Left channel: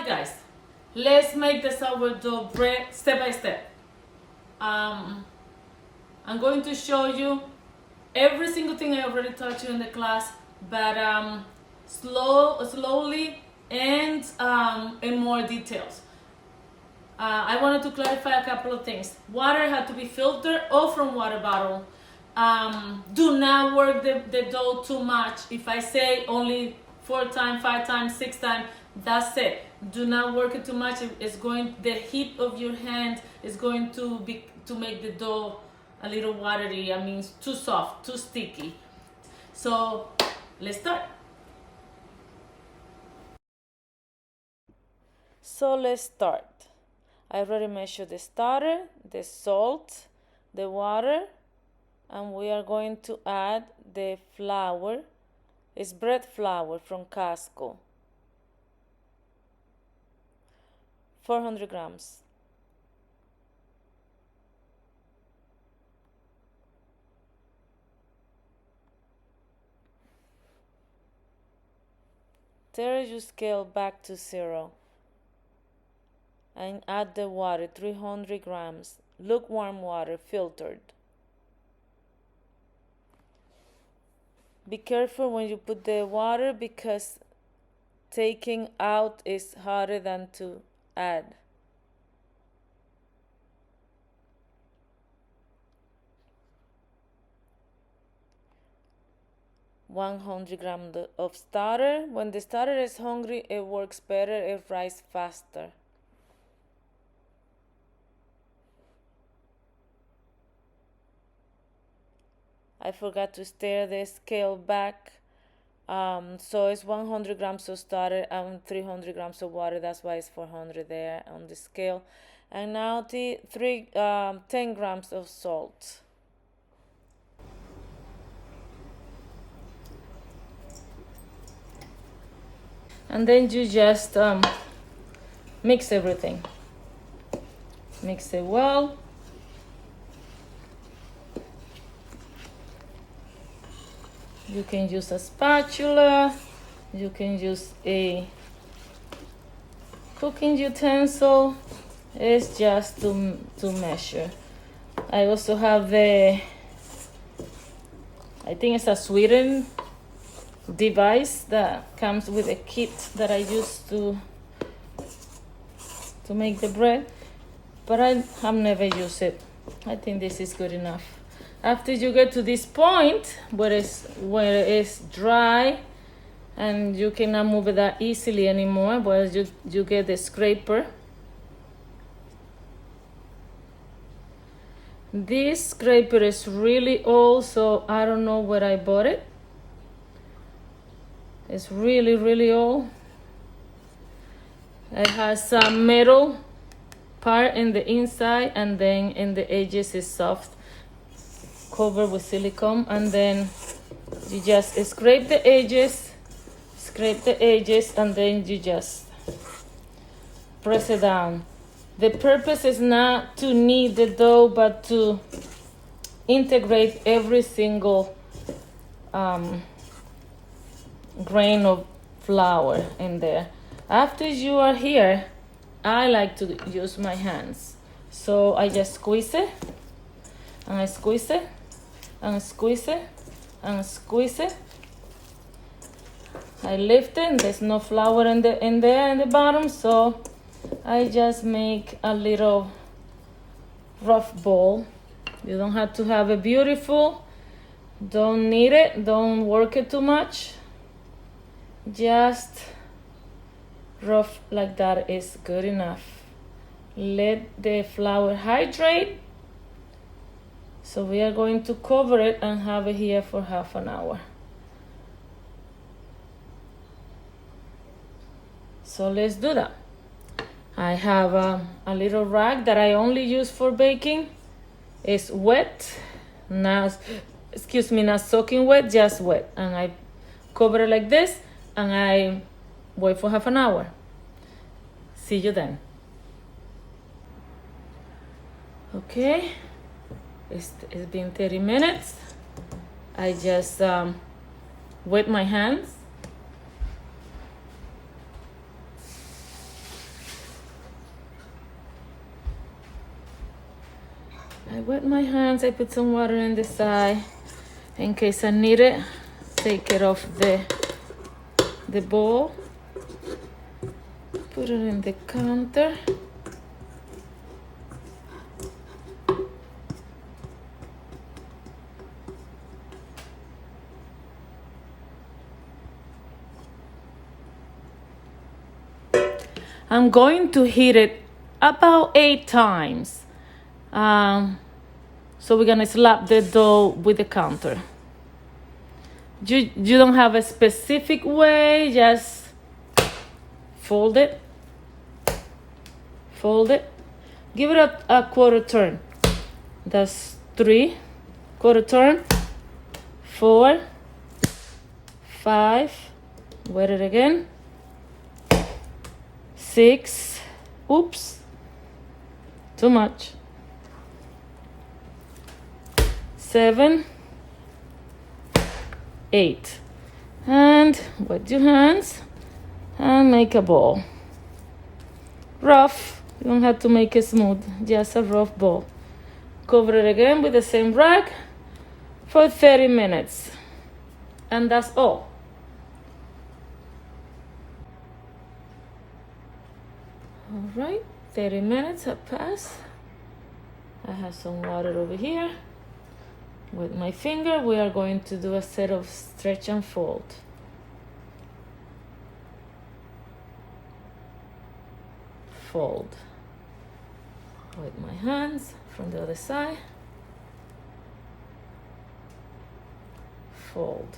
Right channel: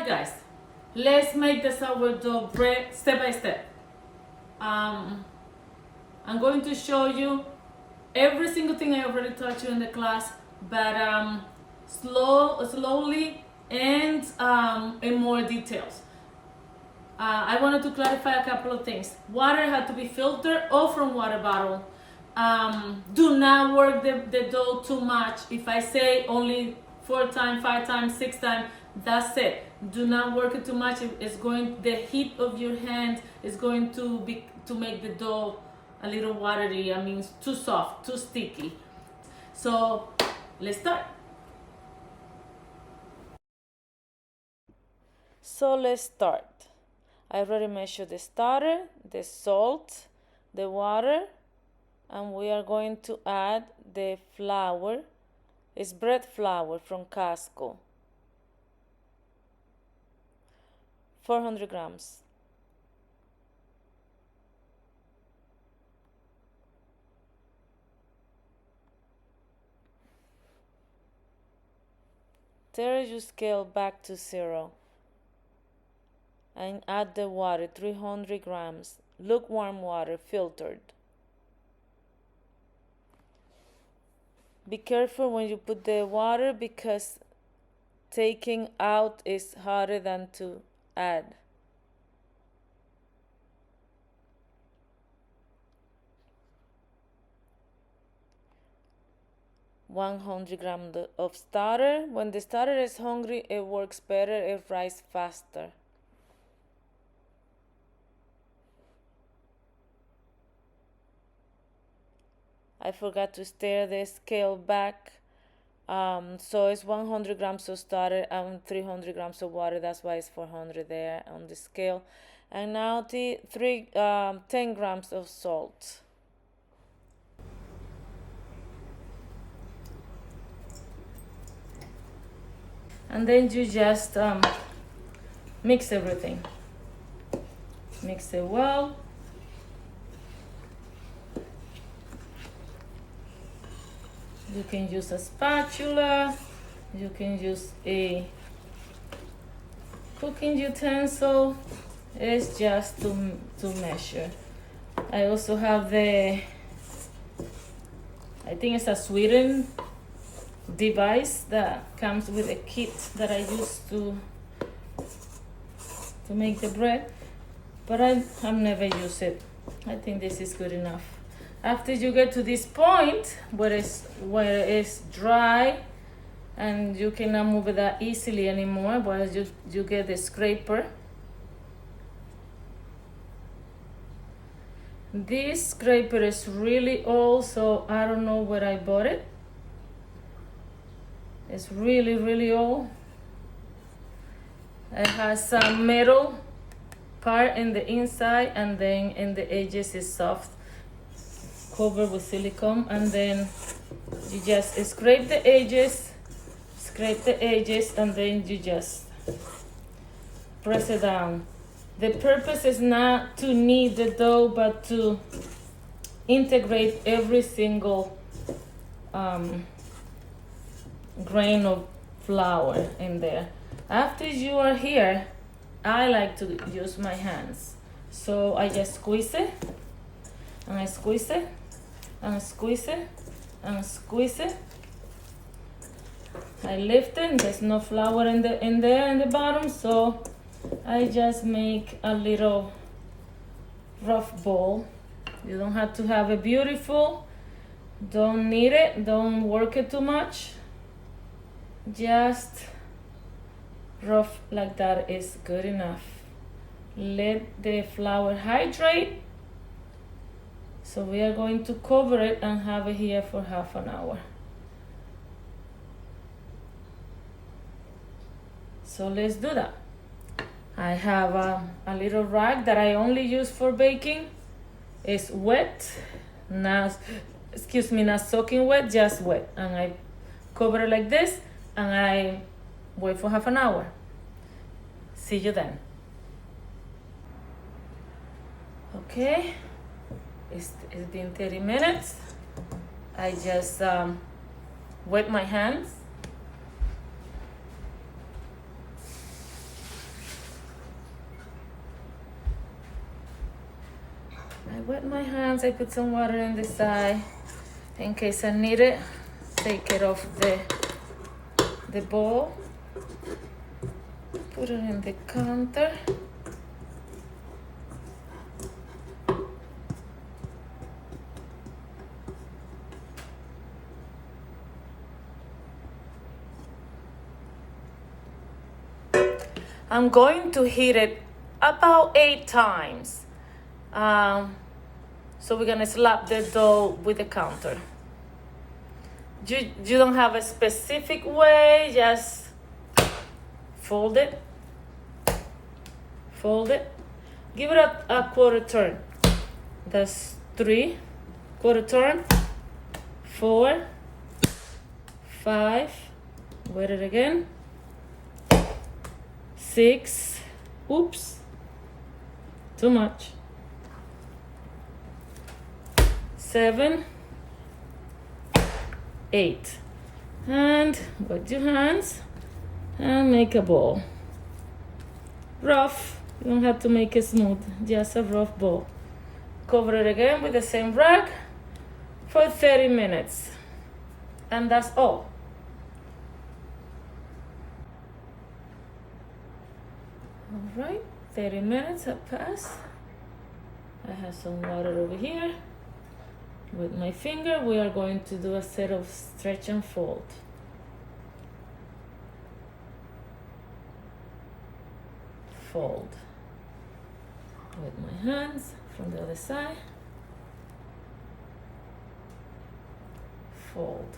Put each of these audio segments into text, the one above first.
Hi guys, let's make the sourdough bread step by step. I'm going to show you every single thing I already taught you in the class, but slowly and in more details. I wanted to clarify a couple of things. Water had to be filtered or from water bottle. Do not work the dough too much. If I say only 4 times, 5 times, 6 times, that's it. Do not work it too much. The heat of your hand is going to make the dough a little watery. I mean, too soft, too sticky. So let's start. So let's start. I already measured the starter, the salt, the water, and we are going to add the flour. It's bread flour from Costco. 400 grams. Turn your scale back to 0 and add the water, 300 grams, lukewarm water, filtered. Be careful when you put the water because taking out is harder than to add. $100 of starter. When the starter is hungry, it works better, it rises faster. I forgot to stir the scale back. So it's 100 grams of starter and 300 grams of water. That's why it's 400 there on the scale. And now 10 grams of salt. And then you just mix everything. Mix it well. You can use a spatula, you can use a cooking utensil. It's just to measure. I also have I think it's a sweetening device that comes with a kit that I use to make the bread, but I have never used it. I think this is good enough. After you get to this point where it's dry and you cannot move it that easily anymore, well, you get the scraper. This scraper is really old, so I don't know where I bought it. It's really, really old. It has some metal part in the inside, and then in the edges is soft, covered with silicone, and then you just scrape the edges, and then you just press it down. The purpose is not to knead the dough, but to integrate every single grain of flour in there. After you are here, I like to use my hands. So I just squeeze it, and I squeeze it, and squeeze it, and squeeze it. I lift it, and there's no flour in the bottom, so I just make a little rough ball. You don't have to have it beautiful. Don't knead it, don't work it too much. Just rough like that is good enough. Let the flour hydrate. So we are going to cover it and have it here for half an hour. So let's do that. I have a little rag that I only use for baking. It's wet, not soaking wet, just wet. And I cover it like this, and I wait for half an hour. See you then. Okay, it's been 30 minutes. I just wet my hands. I wet my hands. I put some water in the side in case I need it. Take it off the bowl. Put it in the counter. I'm going to heat it about 8 times. So we're gonna slap the dough with the counter. You don't have a specific way, just fold it, give it a quarter turn. That's 3, quarter turn, 4, 5, wet it again, 6, oops, too much, 7, 8, and wet your hands and make a ball. Rough, you don't have to make it smooth, just a rough ball. Cover it again with the same rag for 30 minutes, and that's all. All right, 30 minutes have passed. I have some water over here. With my finger, we are going to do a set of stretch and fold. Fold. With my hands from the other side. Fold.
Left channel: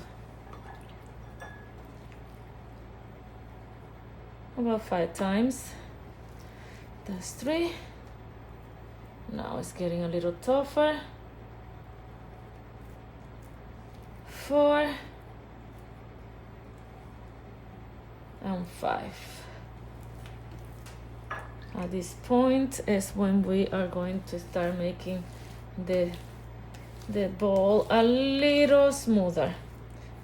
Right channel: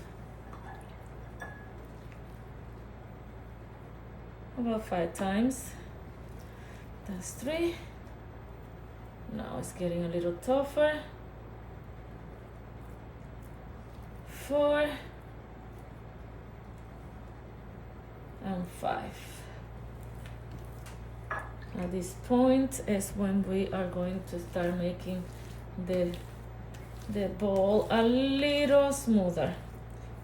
About 5 times. That's 3. Now it's getting a little tougher. 4 and 5. At this point is when we are going to start making the ball a little smoother.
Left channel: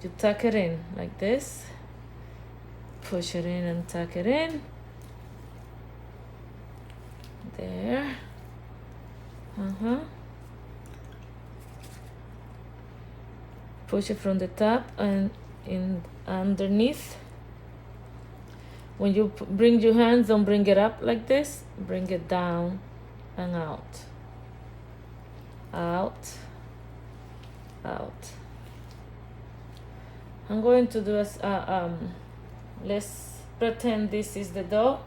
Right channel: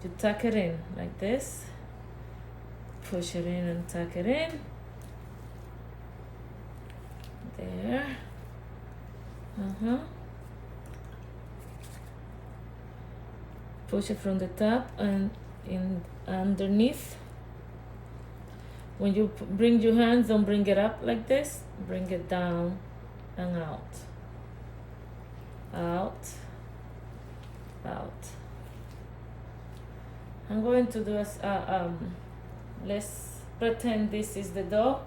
You tuck it in like this, push it in and tuck it in. There. Push it from the top and in underneath. When you bring your hands, don't bring it up like this. Bring it down and out. Out. Out. I'm going to do let's pretend this is the dough.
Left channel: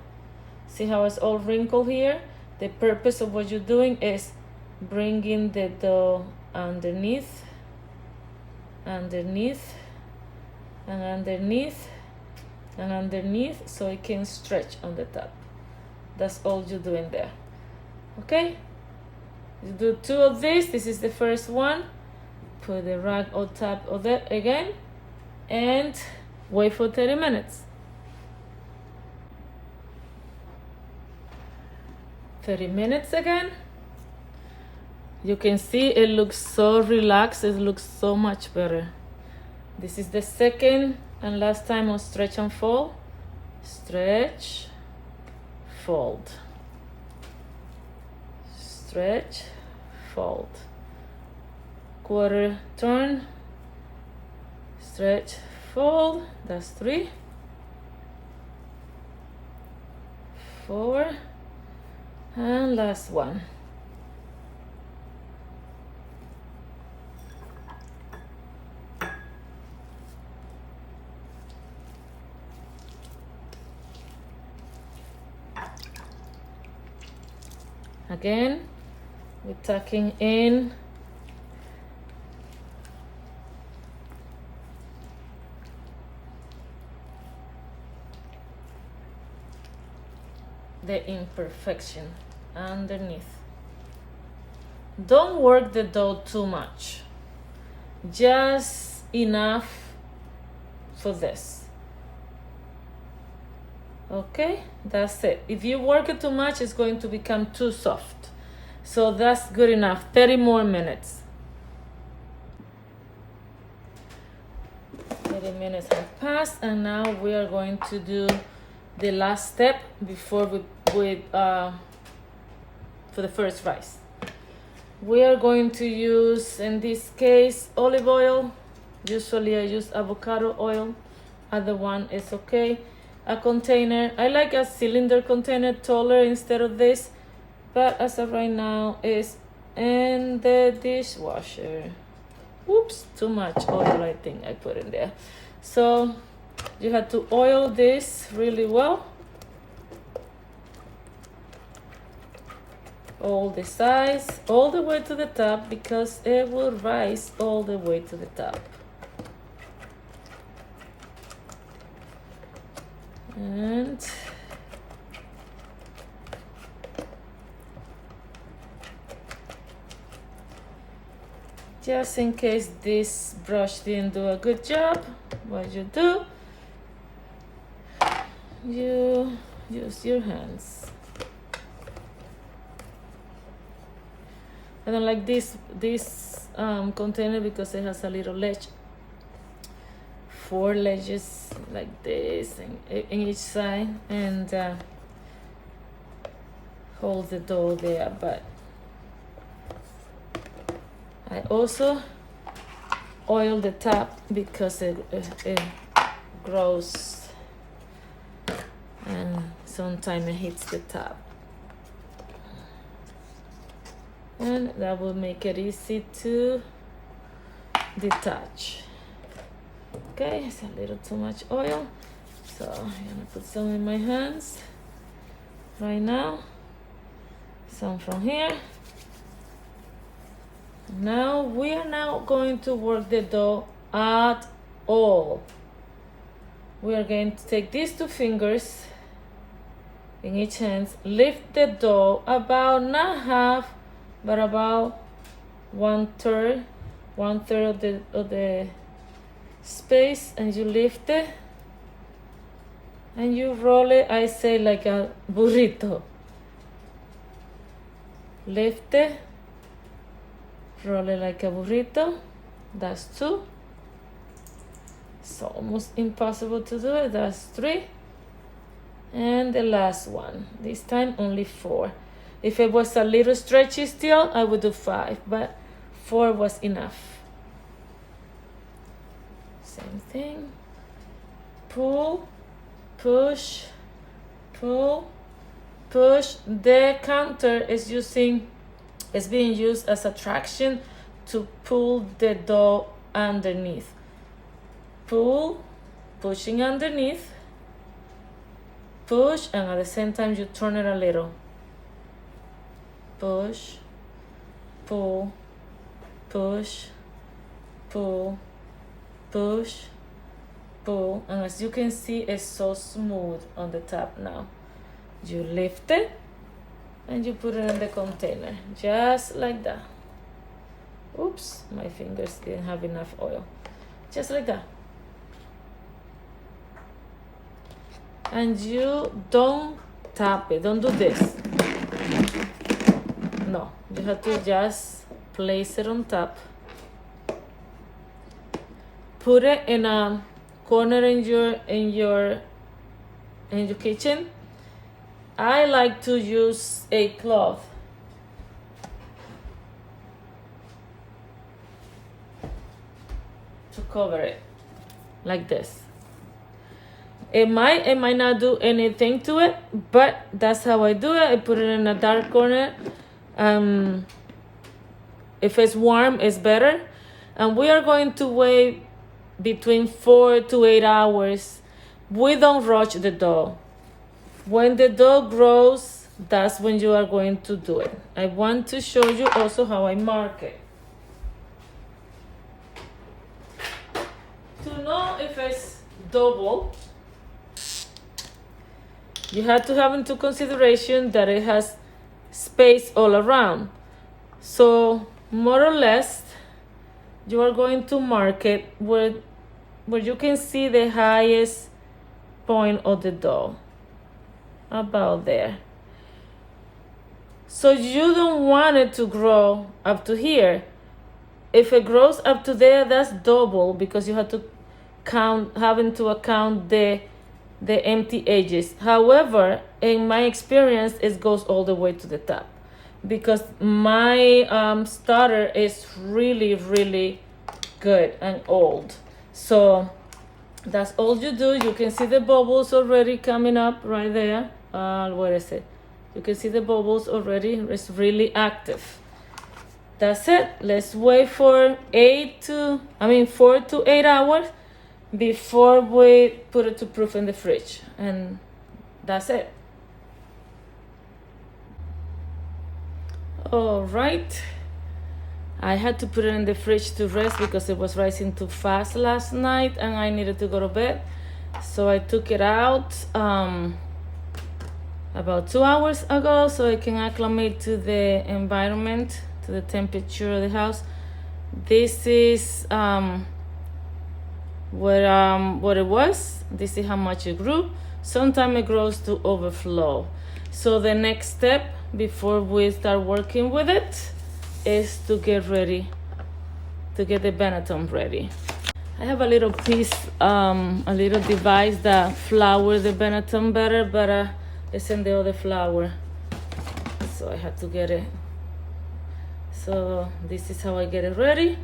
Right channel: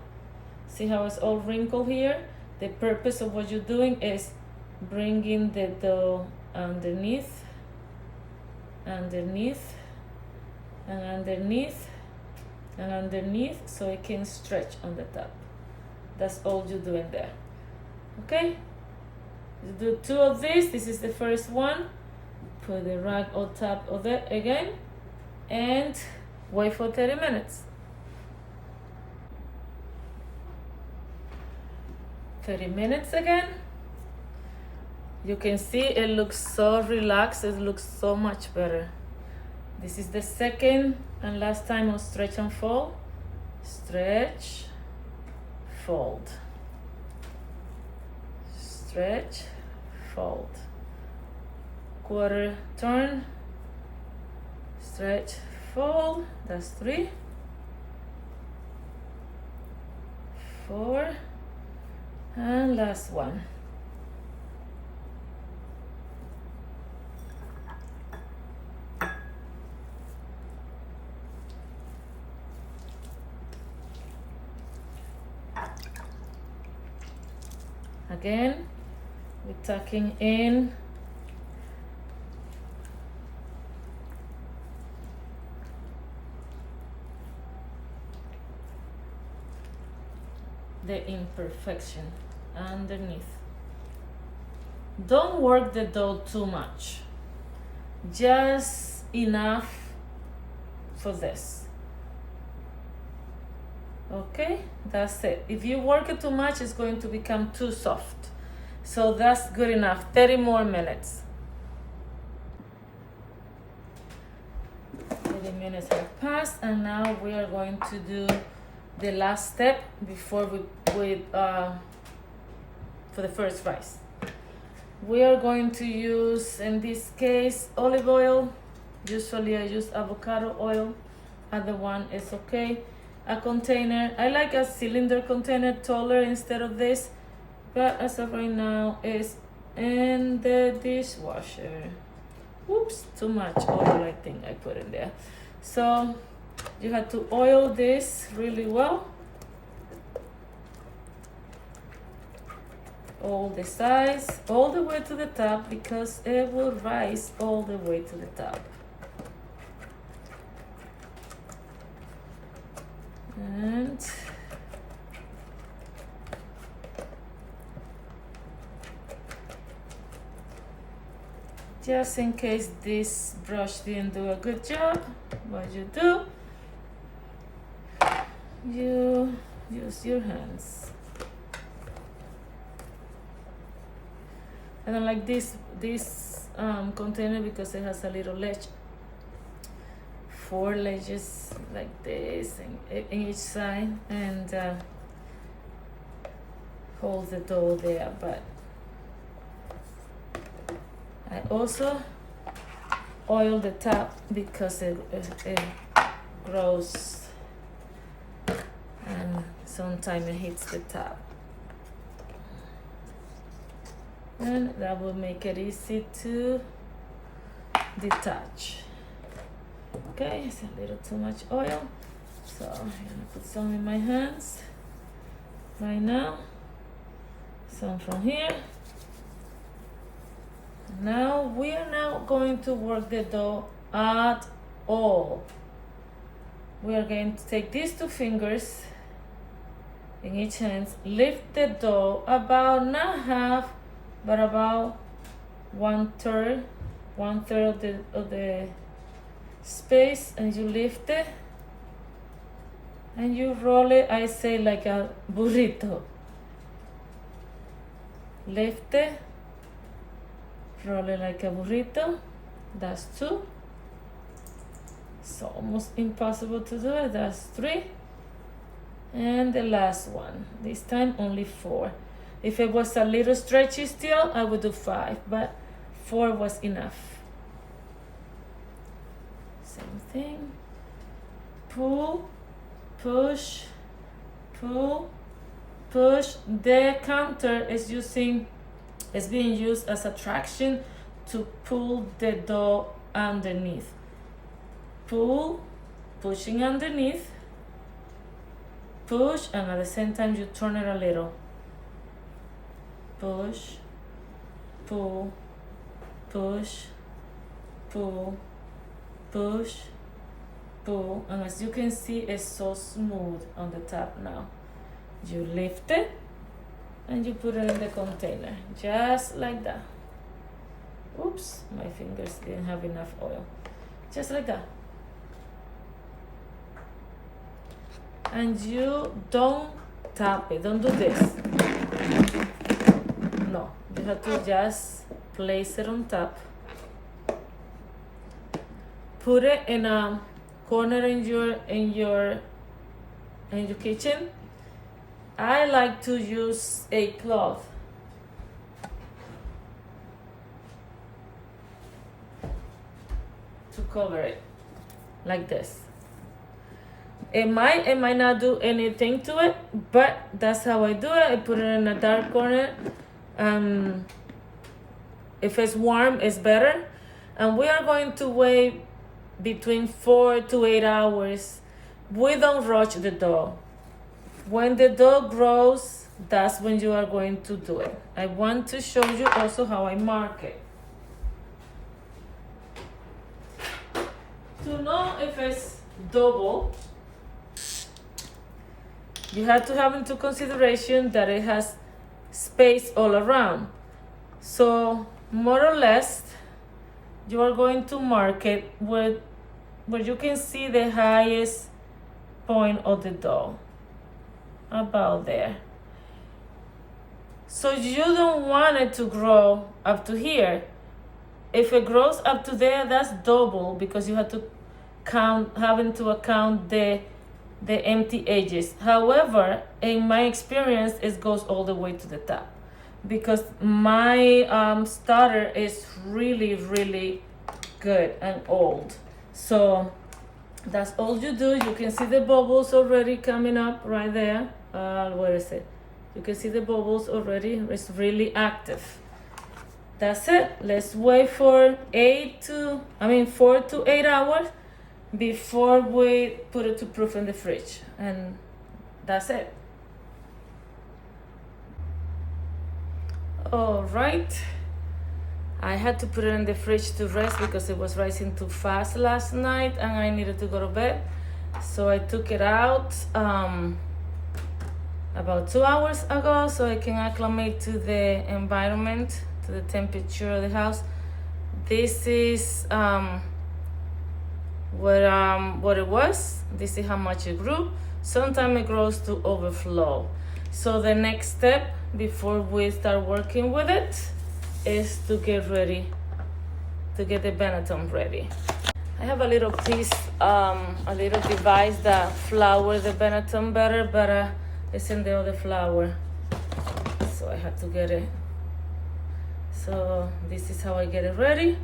See how it's all wrinkled here? The purpose of what you're doing is bringing the dough underneath, underneath, and underneath, and underneath, so it can stretch on the top. That's all you're doing there. Okay? You do 2 of these. This is the first one. Put the rag on top of that again, and wait for 30 minutes. 30 minutes again. You can see it looks so relaxed. It looks so much better. This is the second and last time on stretch and fold. Stretch, fold. Stretch, fold. Quarter turn. Stretch, fold. That's 3. 4. And last one. Again, we're tucking in the imperfection underneath. Don't work the dough too much, just enough for this. Okay, that's it. If you work it too much, it's going to become too soft. So that's good enough. 30 more minutes. 30 minutes have passed, and now we are going to do the last step before for the first rice. We are going to use, in this case, olive oil. Usually I use avocado oil. Other one is okay. A container, I like a cylinder container, taller instead of this, but as of right now is in the dishwasher. Oops, too much oil I think I put in there. So you have to oil this really well. All the sides, all the way to the top, because it will rise all the way to the top. And just in case this brush didn't do a good job, what you do, you use your hands. I don't like this container because it has a little ledge, 4 ledges like this in each side, and hold the dough there. But I also oil the top because it grows and sometimes it hits the top, and that will make it easy to detach. Okay, it's a little too much oil, so I'm gonna put some in my hands right now, some from here. Now we are now going to work the dough at all. We are going to take these 2 fingers in each hand, lift the dough about not half, but about 1/3 of the space, and you lift it and you roll it, I say like a burrito. Lift it, roll it like a burrito. That's 2. It's almost impossible to do it. That's 3. And the last one, this time only 4. If it was a little stretchy still, I would do 5, but 4 was enough. Same thing. Pull, push, pull, push. The counter is being used as a traction to pull the dough underneath. Pull, pushing underneath, push, and at the same time you turn it a little. Push, pull, push, pull, push, pull, and as you can see, it's so smooth on the top now. You lift it and you put it in the container, just like that. Oops, my fingers didn't have enough oil. Just like that. And you don't tap it, don't do this. No, you have to just place it on top. Put it in a corner in your kitchen. I like to use a cloth. To cover it, like this. It might not do anything to it, but that's how I do it. I put it in a dark corner. If it's warm, it's better. And we are going to wait between 4 to 8 hours. We don't rush the dough. When the dough grows, that's when you are going to do it. I want to show you also how I mark it. To know if it's double, you have to have into consideration that it has space all around. So more or less, you are going to mark it where you can see the highest point of the dough, about there. So you don't want it to grow up to here. If it grows up to there, that's double, because you have to having to account the empty edges. However, in my experience, it goes all the way to the top. because my starter is really good and old. So that's all you do. You can see the bubbles already coming up right there. Where is it? You can see the bubbles already. It's really active. That's it. Let's wait for 4 to 8 hours before we put it to proof in the fridge. And that's it. All right. I had to put it in the fridge to rest because it was rising too fast last night and I needed to go to bed. So I took it out about 2 hours ago so I can acclimate to the environment, to the temperature of the house. This is what it was. This is how much it grew. Sometimes it grows to overflow. So the next step before we start working with it is to get ready, to get the Benetton ready. I have a little piece, a little device that flours the Benetton better, but it's in the other flour, so I had to get it. So this is how I get it ready.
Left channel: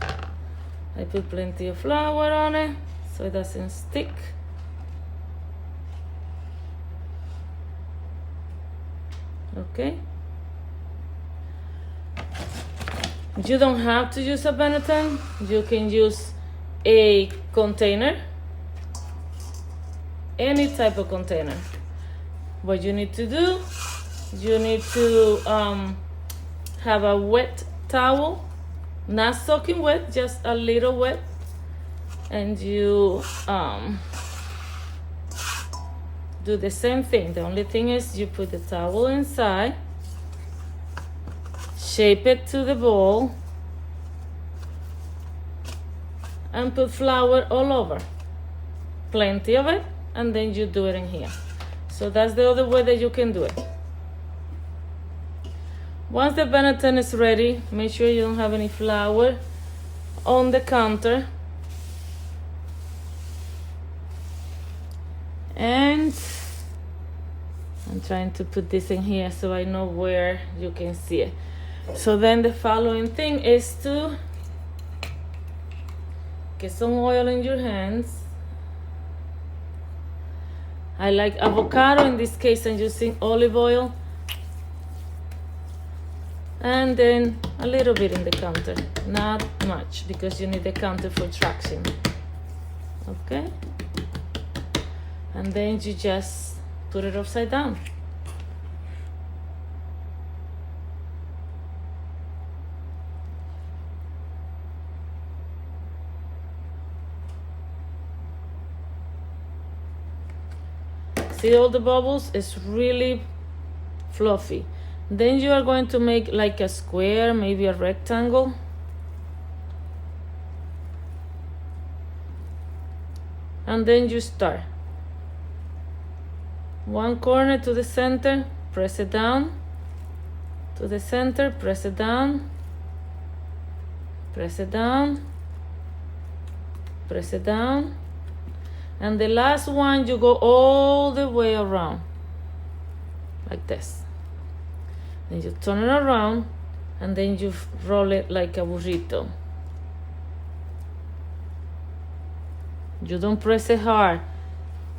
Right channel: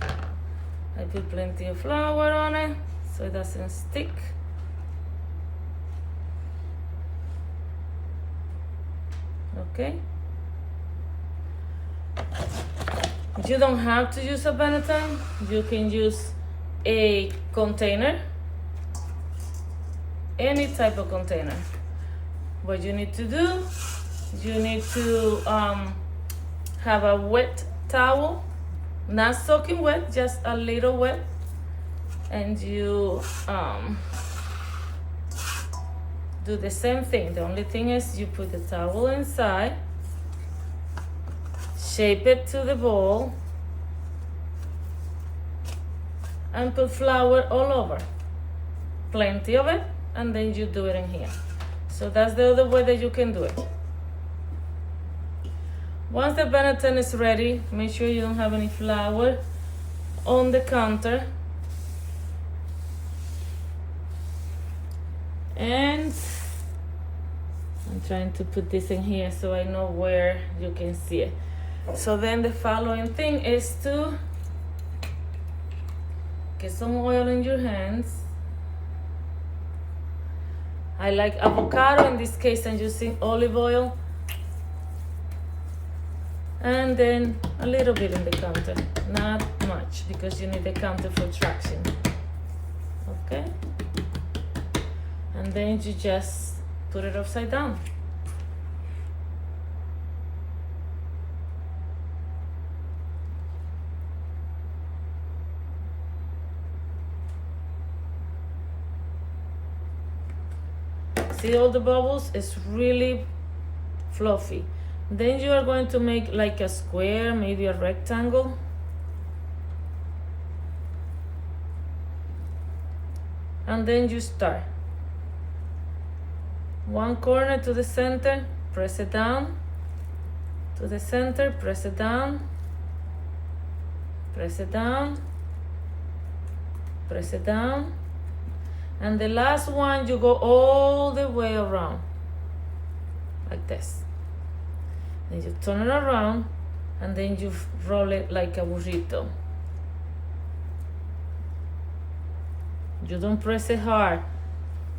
I put plenty of flour on it so it doesn't stick. Okay. You don't have to use a Benetton. You can use a container, any type of container. What you need to do, you need to have a wet towel, not soaking wet, just a little wet, and you do the same thing. The only thing is you put the towel inside, shape it to the bowl, and put flour all over, plenty of it, and then you do it in here. So that's the other way that you can do it. Once the Benetton is ready, make sure you don't have any flour on the counter. And I'm trying to put this in here so I know where you can see it. So then the following thing is to get some oil in your hands. I like avocado. In this case, I'm using olive oil. And then a little bit in the counter, not much, because you need the counter for traction. Okay? And then you just put it upside down. See all the bubbles? It's really fluffy. Then you are going to make like a square, maybe a rectangle. And then you start. One corner to the center, press it down. To the center, press it down. Press it down. Press it down. And the last one, you go all the way around, like this. Then you turn it around, and then you roll it like a burrito. You don't press it hard,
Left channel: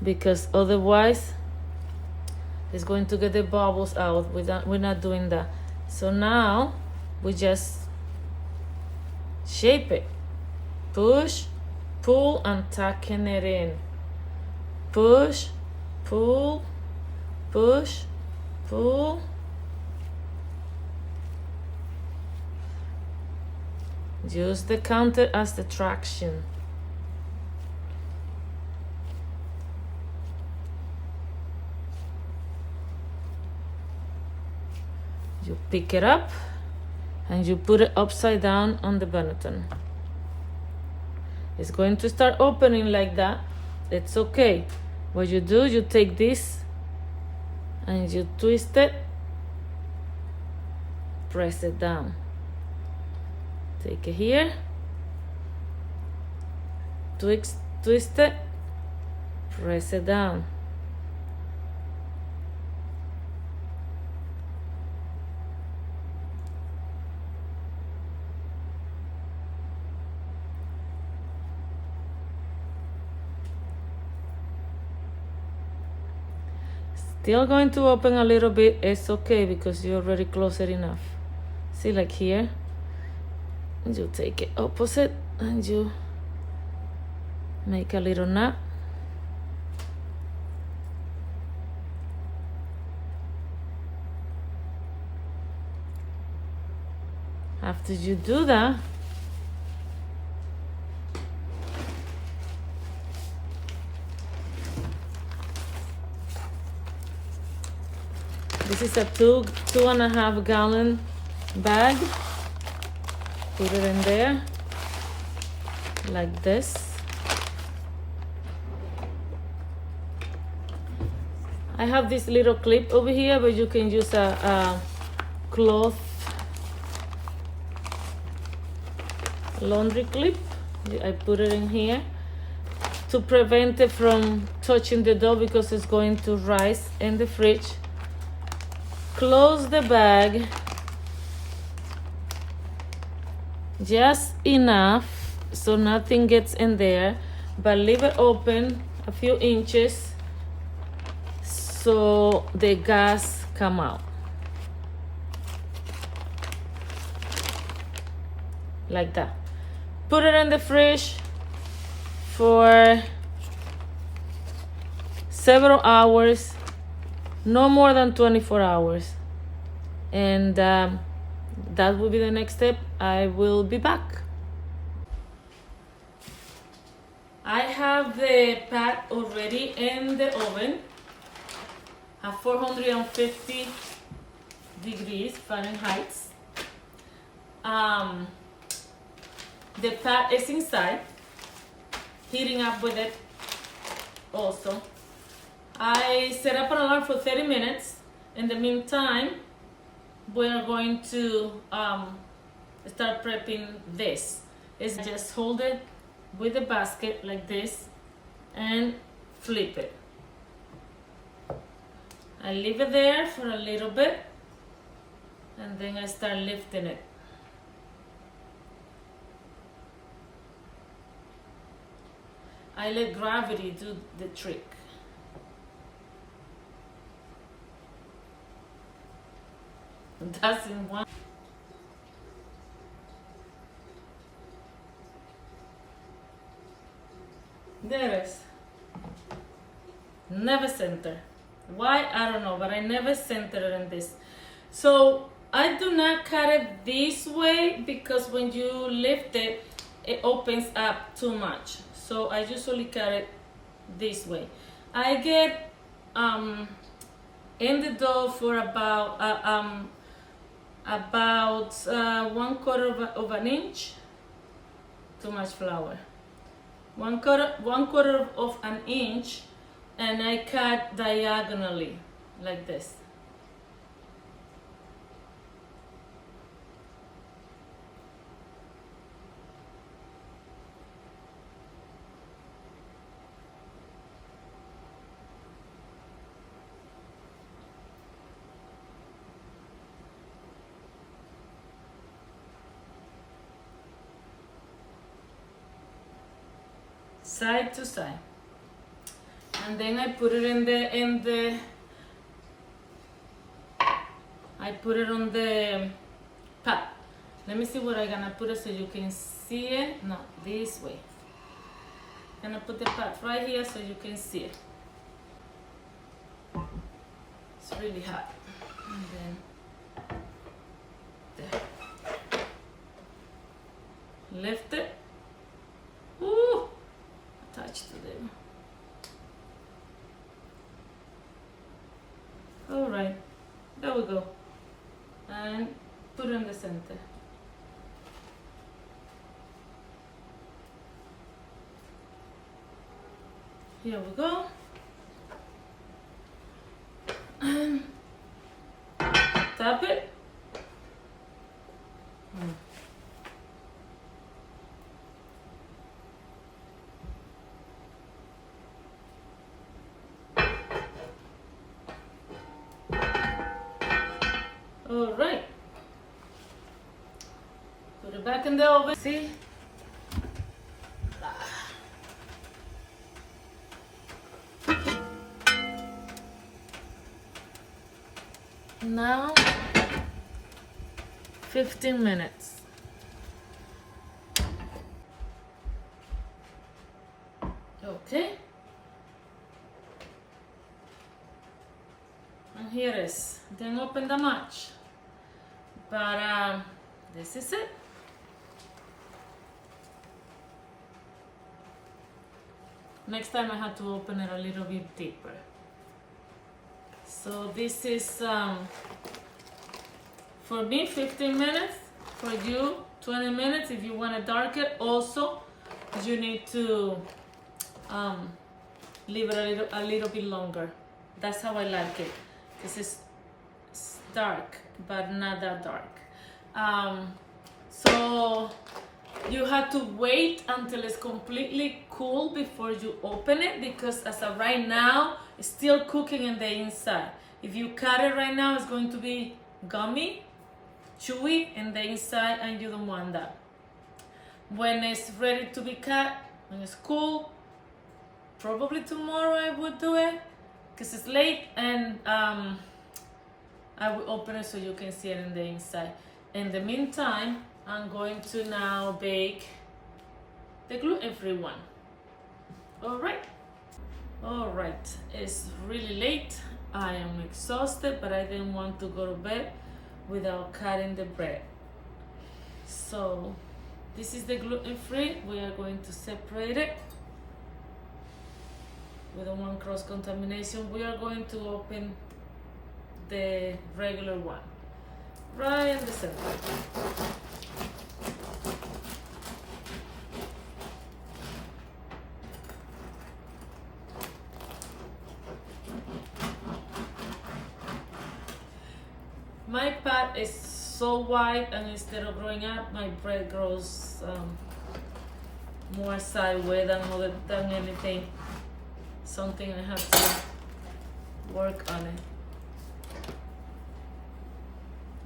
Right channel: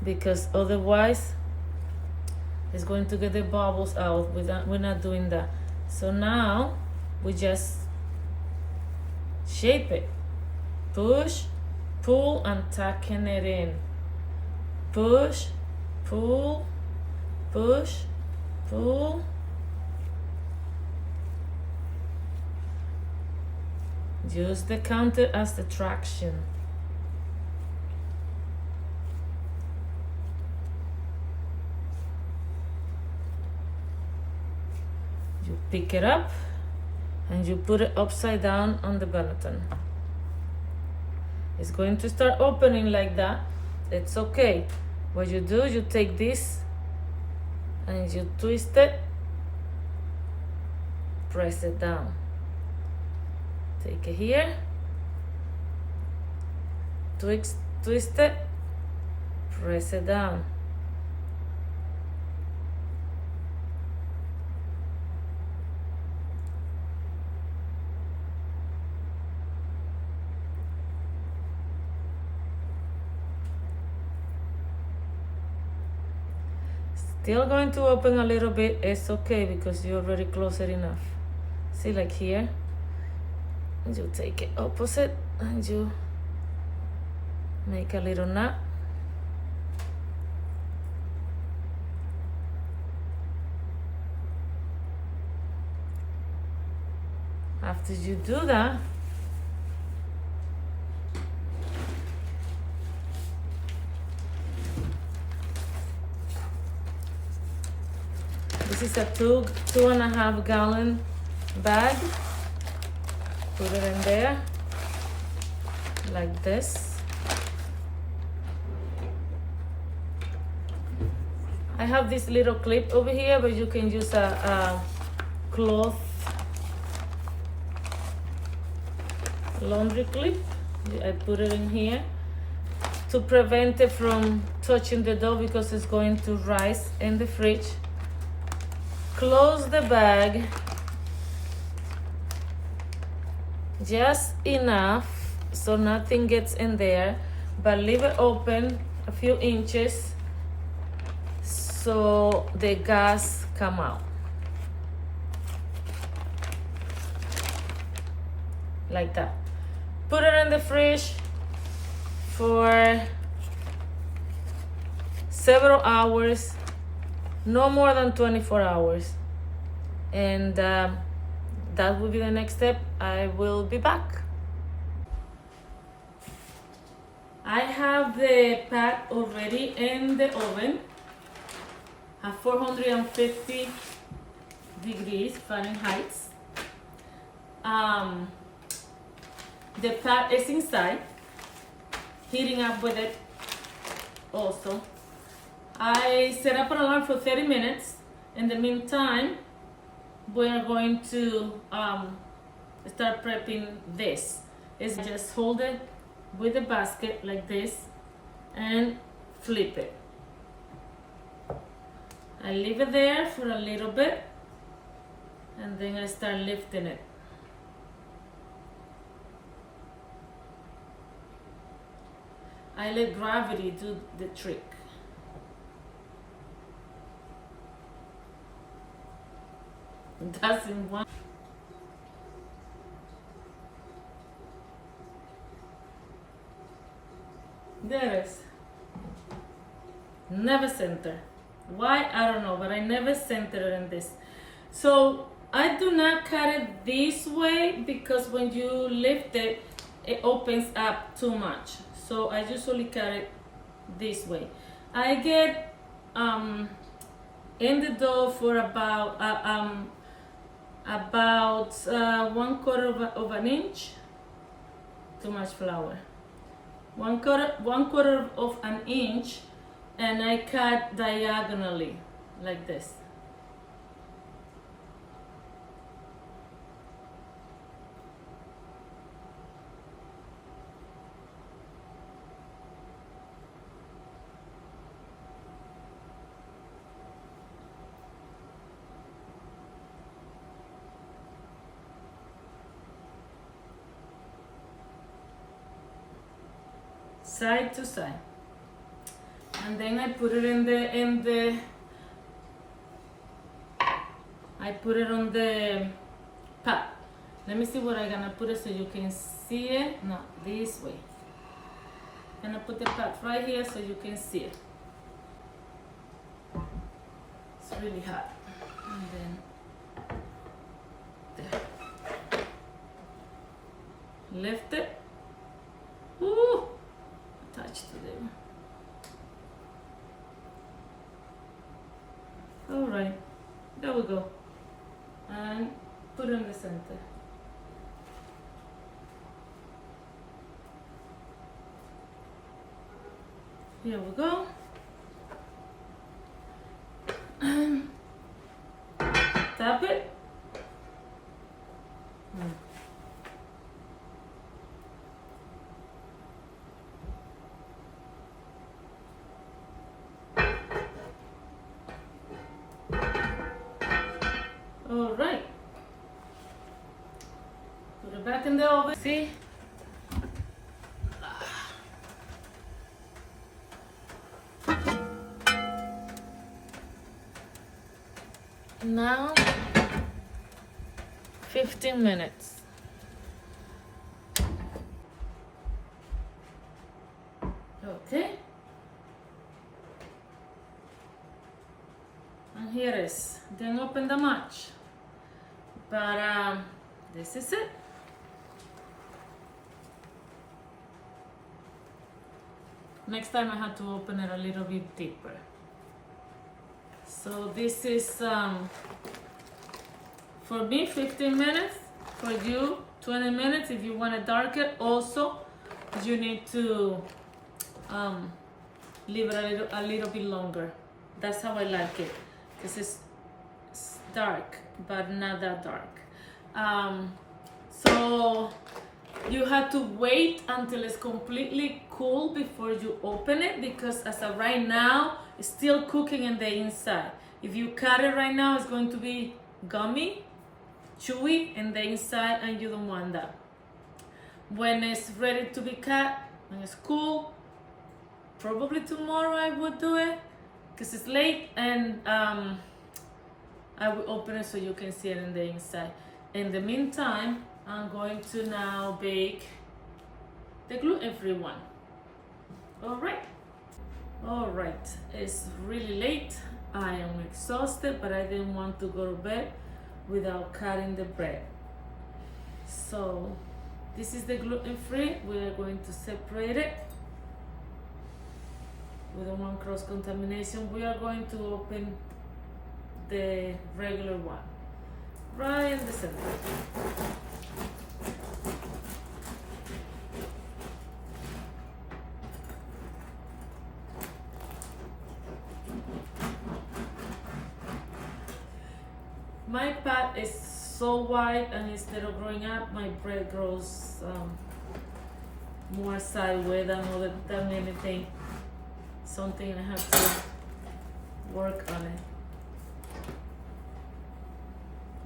because otherwise it's going to get the bubbles out. We're not doing that. So now we just shape it. Push, pull, and tucking it in. Push, pull, push, pull. Use the counter as the traction. You pick it up and you put it upside down on the Benetton. It's going to start opening like that. It's okay. What you do, you take this and you twist it, press it down. Take it here, twist it, press it down. Still going to open a little bit. It's okay because you already closed it enough. See, like here, and you take it opposite and you make a little knot. After you do that, this is a 2.5 gallon bag. Put it in there like this. I have this little clip over here, but you can use a cloth laundry clip. I put it in here to prevent it from touching the dough because it's going to rise in the fridge. Close the bag just enough so nothing gets in there, but leave it open a few inches so the gas come out. Like that. Put it in the fridge for several hours, no more than 24 hours. And that will be the next step. I will be back. I have the pat already in the oven at 450 degrees Fahrenheit. The pat is inside, heating up with it also. I set up an alarm for 30 minutes. In the meantime, we are going to start prepping this. It's just hold it with the basket like this and flip it. I leave it there for a little bit and then I start lifting it. I let gravity do the trick. That's in one. There it is. Never center. Why? I don't know, but I never center it in this. So I do not cut it this way because when you lift it, it opens up too much. So I usually cut it this way. I get in the dough for about 1/4 of an inch. Too much flour. One quarter of an inch, and I cut diagonally like this. Side to side, and then I put it I put it on the pat. Let me see where I'm gonna put it so you can see it. No, this way. I'm gonna put the pat right here so you can see it. It's really hot. And then there. Lift it. Ooh. Attached to them. All right, there we go. And put it in the center. Here we go. And tap it. All right. Put it back in the oven. See? Now 15 minutes. Okay. And here is. Didn't open that much. But this is it. Next time I had to open it a little bit deeper. So this is for me 15 minutes, for you 20 minutes. If you want to darken, also you need to leave it a little bit longer. That's how I like it. This is dark, but not that dark. So you have to wait until it's completely cool before you open it, because as of right now, it's still cooking in the inside. If you cut it right now, it's going to be gummy, chewy in the inside, and you don't want that. When it's ready to be cut, when it's cool, probably tomorrow I would do it, because it's late, and I will open it so you can see it in the inside. In the meantime, I'm going to now bake the gluten-free one. All right, it's really late. I am exhausted, but I didn't want to go to bed without cutting the bread. So this is the gluten-free. We are going to separate it. We don't want cross-contamination. We are going to open the regular one right in the center. My pot is so wide, and instead of growing up, my bread grows more sideways than anything. Something I have to work on it.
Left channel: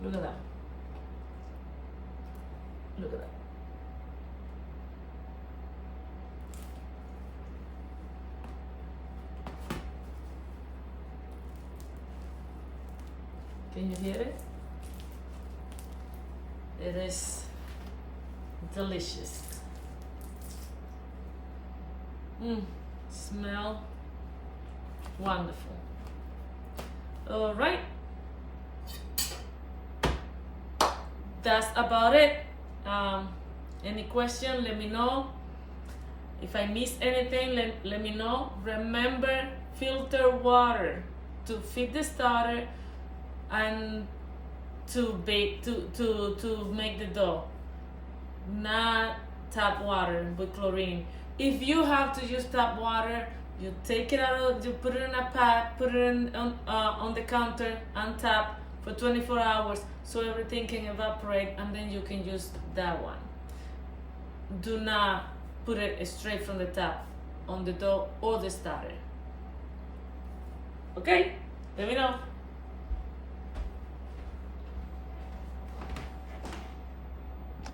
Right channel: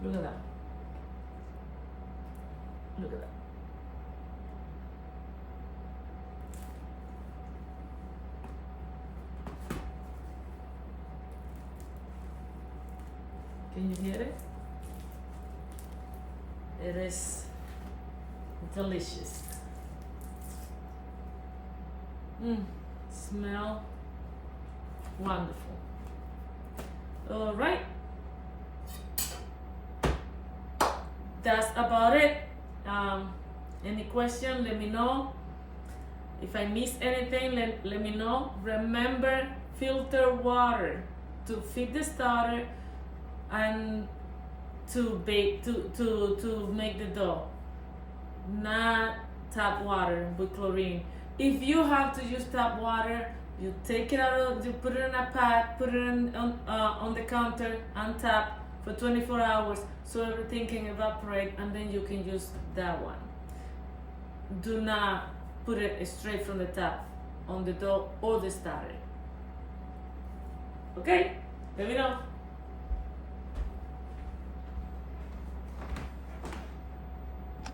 Look at that. Look at that. Can you hear it? It is delicious. Smell wonderful. All right. That's about it. Any question, let me know. If I missed anything, let me know. Remember, filter water to feed the starter and to bake, to make the dough. Not tap water with chlorine. If you have to use tap water, you take it out, you put it in a pot, put it on the counter and tap for 24 hours so everything can evaporate, and then you can use that one. Do not put it straight from the tap on the dough or the starter. Okay, let me know.